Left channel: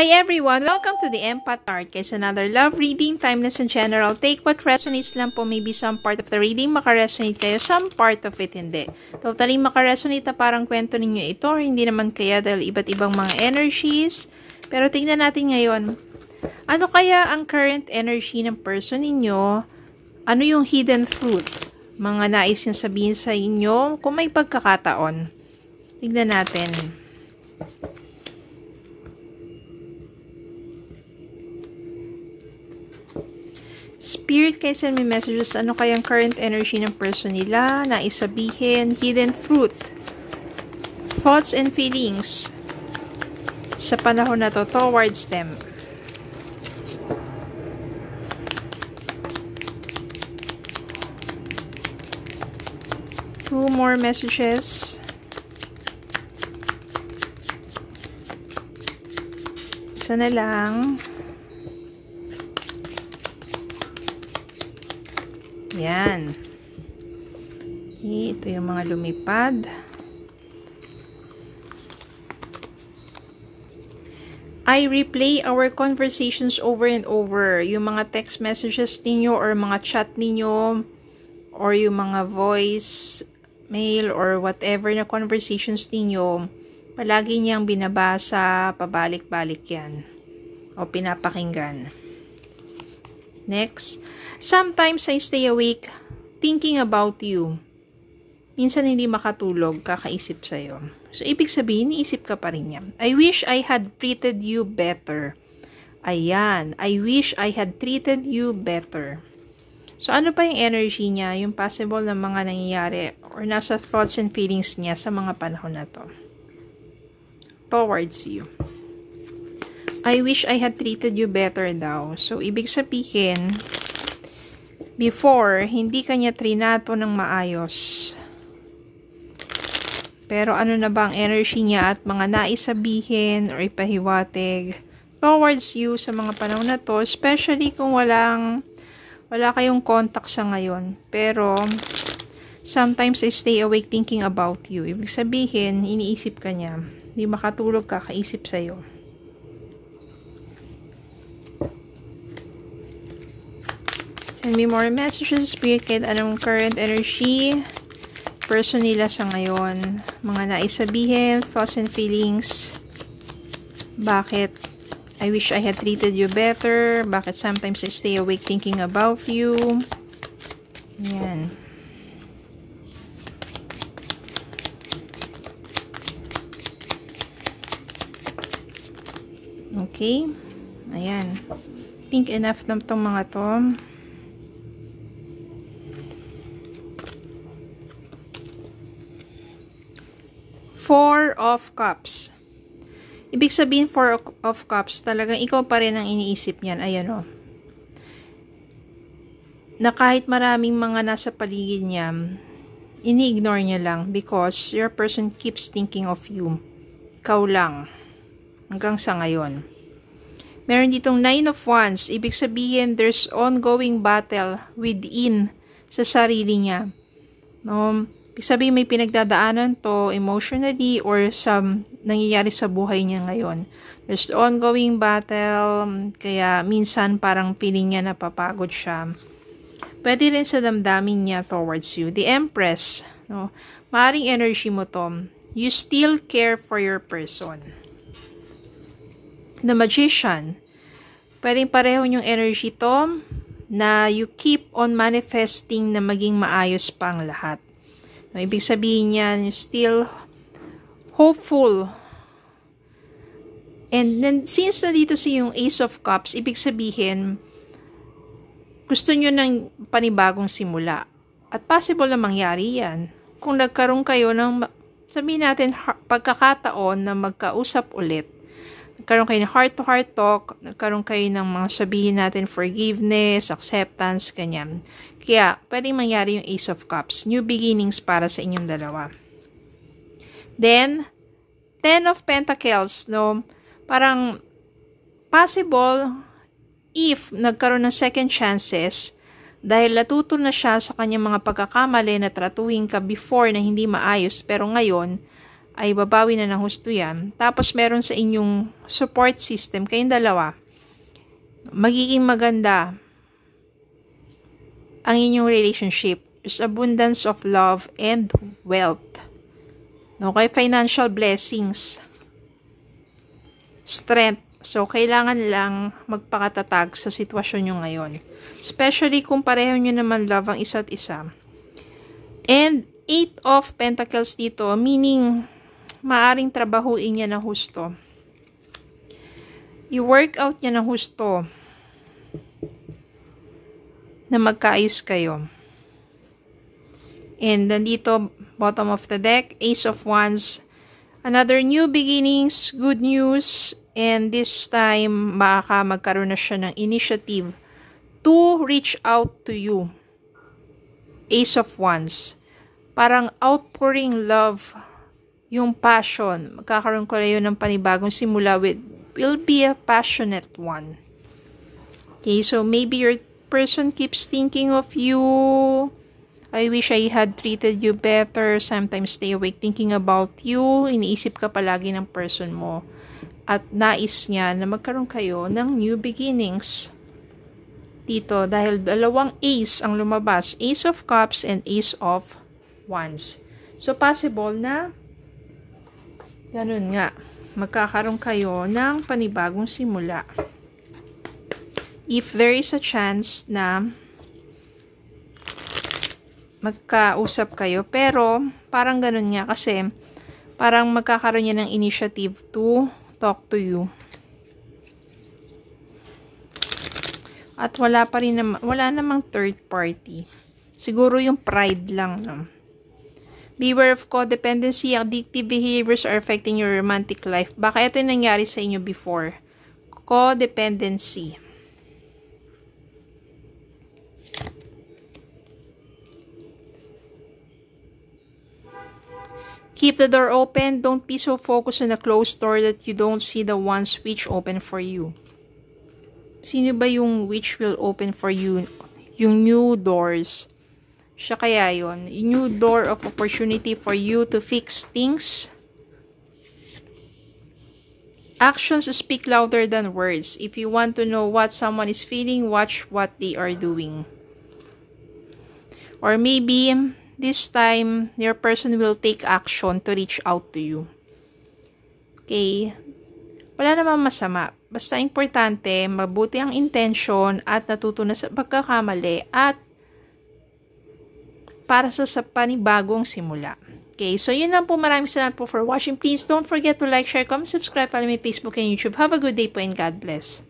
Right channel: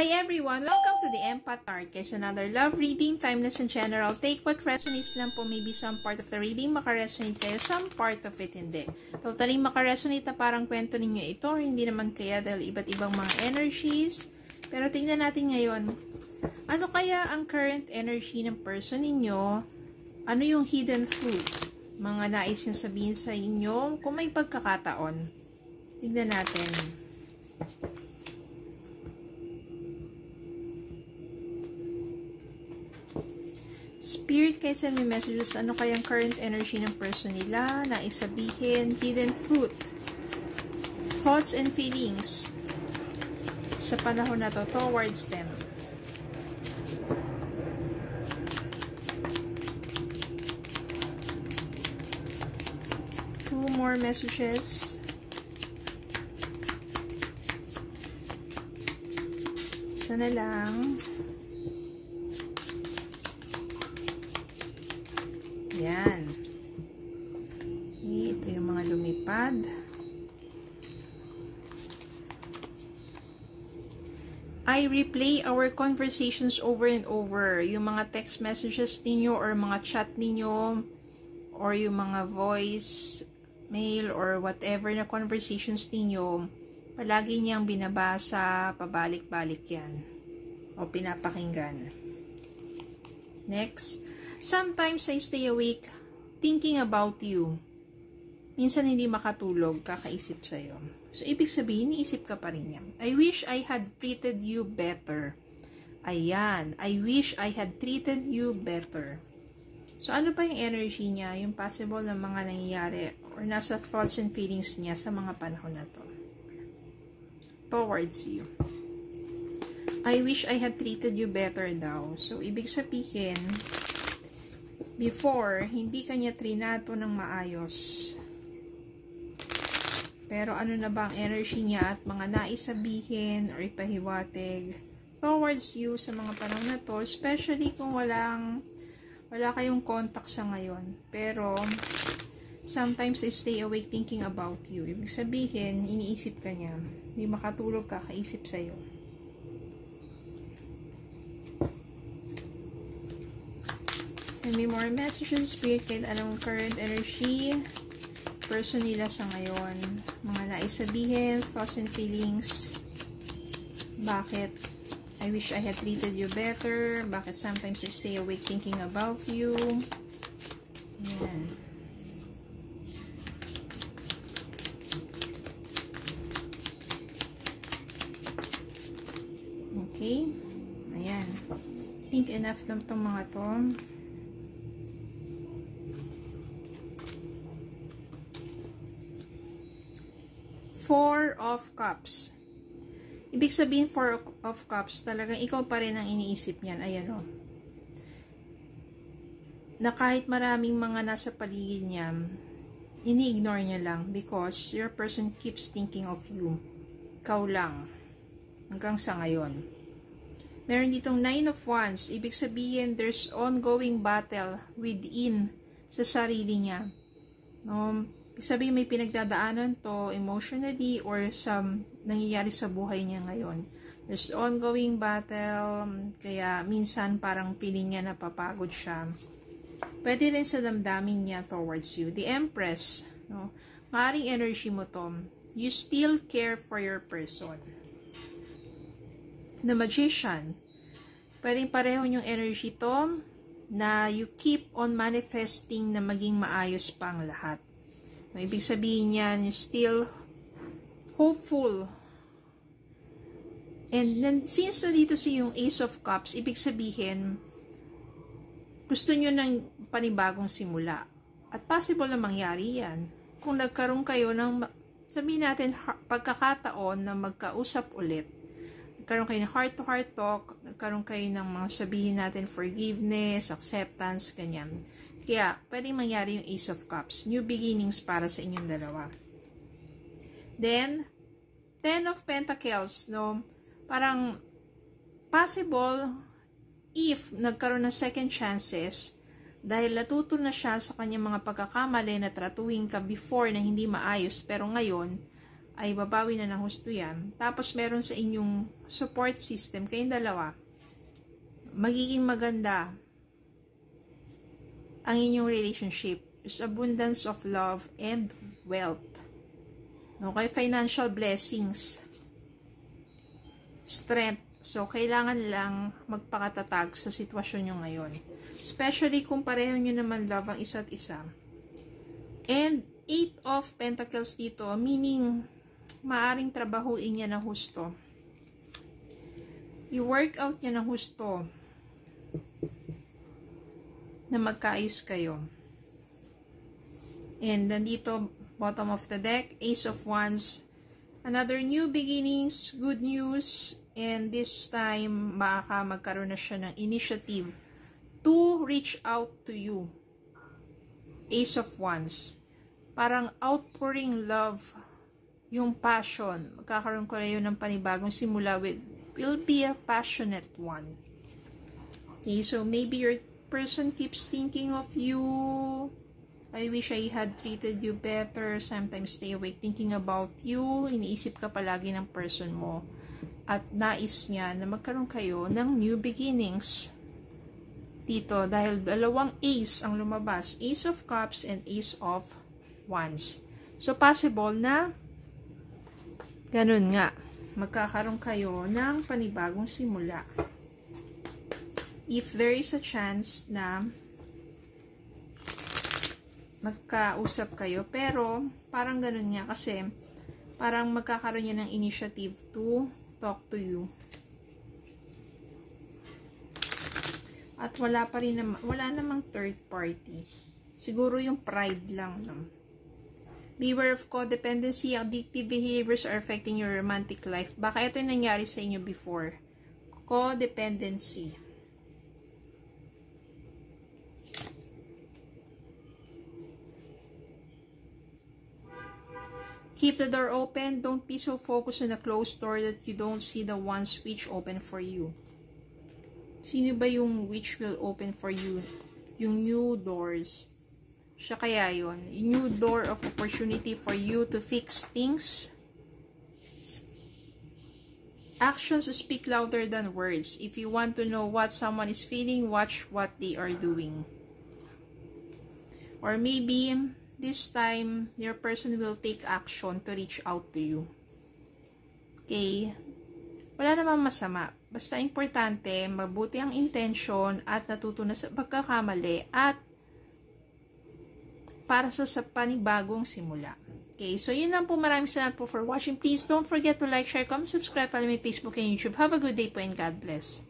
Hi everyone! Welcome to the Empath Card. Guys, another love reading, timeless and general. Take what resonates lang po. Maybe some part of the reading makaresonate kayo, some part of it hindi. Totally makaresonate na parang kwento ninyo ito or hindi naman kaya dahil iba't ibang mga energies. Pero tingnan natin ngayon. Ano kaya ang current energy ng person ninyo? Ano yung hidden truth? Mga nais niyang sabihin sa inyo kung may pagkakataon. Tingnan natin. Spirit, kayo send me messages. Ano kayang current energy ng person nila? Nais sabihin, hidden truth. Thoughts and feelings sa panahon na to towards them. Two more messages. Isa na lang. Yan. Ito yung mga lumipad. I replay our conversations over and over. Yung mga text messages ninyo or mga chat ninyo or yung mga voice, mail or whatever na conversations ninyo, palagi niyang binabasa, pabalik-balik yan. O pinapakinggan. Next. Sometimes I stay awake thinking about you. Minsan hindi makatulog, kakaisip sa'yo. So, ibig sabihin, iisip ka pa rin yan. I wish I had treated you better. Ayan. I wish I had treated you better. So, ano pa yung energy niya? Yung possible na mga nangyayari or nasa thoughts and feelings niya sa mga panahon na to. Towards you. I wish I had treated you better daw. So, ibig sabihin, before, hindi kanya trinato ng maayos. Pero ano na ba ang energy niya at mga nais sabihin or ipahiwatig towards you sa mga panahon na to, especially kung wala kayong contact sa ngayon. Pero, sometimes I stay awake thinking about you. Ibig sabihin, iniisip ka niya. Hindi makatulog ka, kaisip sa'yo. Send me more messages, Spirit, kahit anong current energy, person nila sa ngayon, mga nais sabihin, thoughts and feelings, bakit I wish I had treated you better, bakit sometimes I stay awake thinking about you, yan. Okay, ayan, think enough na itong mga to. Four of Cups. Ibig sabihin, Four of Cups, talagang ikaw pa rin ang iniisip niyan. Ayan o. Na kahit maraming mga nasa paligid niya, ini-ignore niya lang because your person keeps thinking of you. Ikaw lang. Hanggang sa ngayon. Meron ditong Nine of Wands. Ibig sabihin, there's ongoing battle within sa sarili niya. No? Sabi may pinagdadaanan to emotionally or nangyayari sa buhay niya ngayon. There's ongoing battle, kaya minsan parang feeling niya napapagod siya. Pwede rin sa damdamin niya towards you. The Empress, no? Maaring energy mo to. You still care for your person. The Magician, pwedeng pareho yung energy to na you keep on manifesting na maging maayos pa ang lahat. No, ibig sabihin niya, you're still hopeful. And then, since nandito si yung Ace of Cups, ibig sabihin, gusto nyo ng panibagong simula. At possible na mangyari yan. Kung nagkaroon kayo ng, sabihin natin, pagkakataon na magkausap ulit. Nagkaroon kayo ng heart-to-heart talk, nagkaroon kayo ng mga sabihin natin, forgiveness, acceptance, ganyan. Kaya, pwedeng mangyari yung Ace of Cups. New beginnings para sa inyong dalawa. Then, Ten of Pentacles, no? Parang, possible, if nagkaroon ng second chances, dahil natuto na siya sa kanyang mga pagkakamali na tratuhin ka before na hindi maayos, pero ngayon, ay babawi na ng husto yan. Tapos meron sa inyong support system, kayong dalawa, magiging maganda ang inyong relationship. There's abundance of love and wealth. Okay, financial blessings. Strength. So, kailangan lang magpakatatag sa sitwasyon nyo ngayon. Especially kung pareho nyo naman love ang isa't isa. And 8 of Pentacles dito, meaning maaring trabahuin niya ng husto. I-work out niya ng husto na magkaayos kayo. And nandito, bottom of the deck, Ace of Wands. Another new beginnings, good news, and this time, baka magkaroon na siya ng initiative to reach out to you. Ace of Wands. Parang outpouring love, yung passion. Magkakaroon ko kayo ng panibagong simula will be a passionate one. Okay, so maybe your person keeps thinking of you. I wish I had treated you better. Sometimes stay awake thinking about you. Iniisip ka palagi ng person mo. At nais niya na magkaroon kayo ng new beginnings. Dito, dahil dalawang ace ang lumabas. Ace of Cups and Ace of Wands. So, possible na ganun nga. Magkakaroon kayo ng panibagong simula. If there is a chance na magkausap kayo. Pero, parang ganun nga kasi, parang magkakaroon niya ng initiative to talk to you. At wala namang third party. Siguro yung pride lang. No? Beware of codependency. Addictive behaviors are affecting your romantic life. Baka ito yung nangyari sa inyo before. Codependency. Keep the door open. Don't be so focused on a closed door that you don't see the ones which open for you. Sino ba yung which will open for you? Yung new doors. Siya kaya yun. New door of opportunity for you to fix things. Actions speak louder than words. If you want to know what someone is feeling, watch what they are doing. Or maybe this time, your person will take action to reach out to you. Okay? Wala namang masama. Basta importante, mabuti ang intention at natuto na sa pagkakamali at para sa panibagong simula. Okay? So, yun lang po. Maraming salamat po for watching. Please don't forget to like, share, comment, subscribe, follow my Facebook and YouTube. Have a good day po and God bless.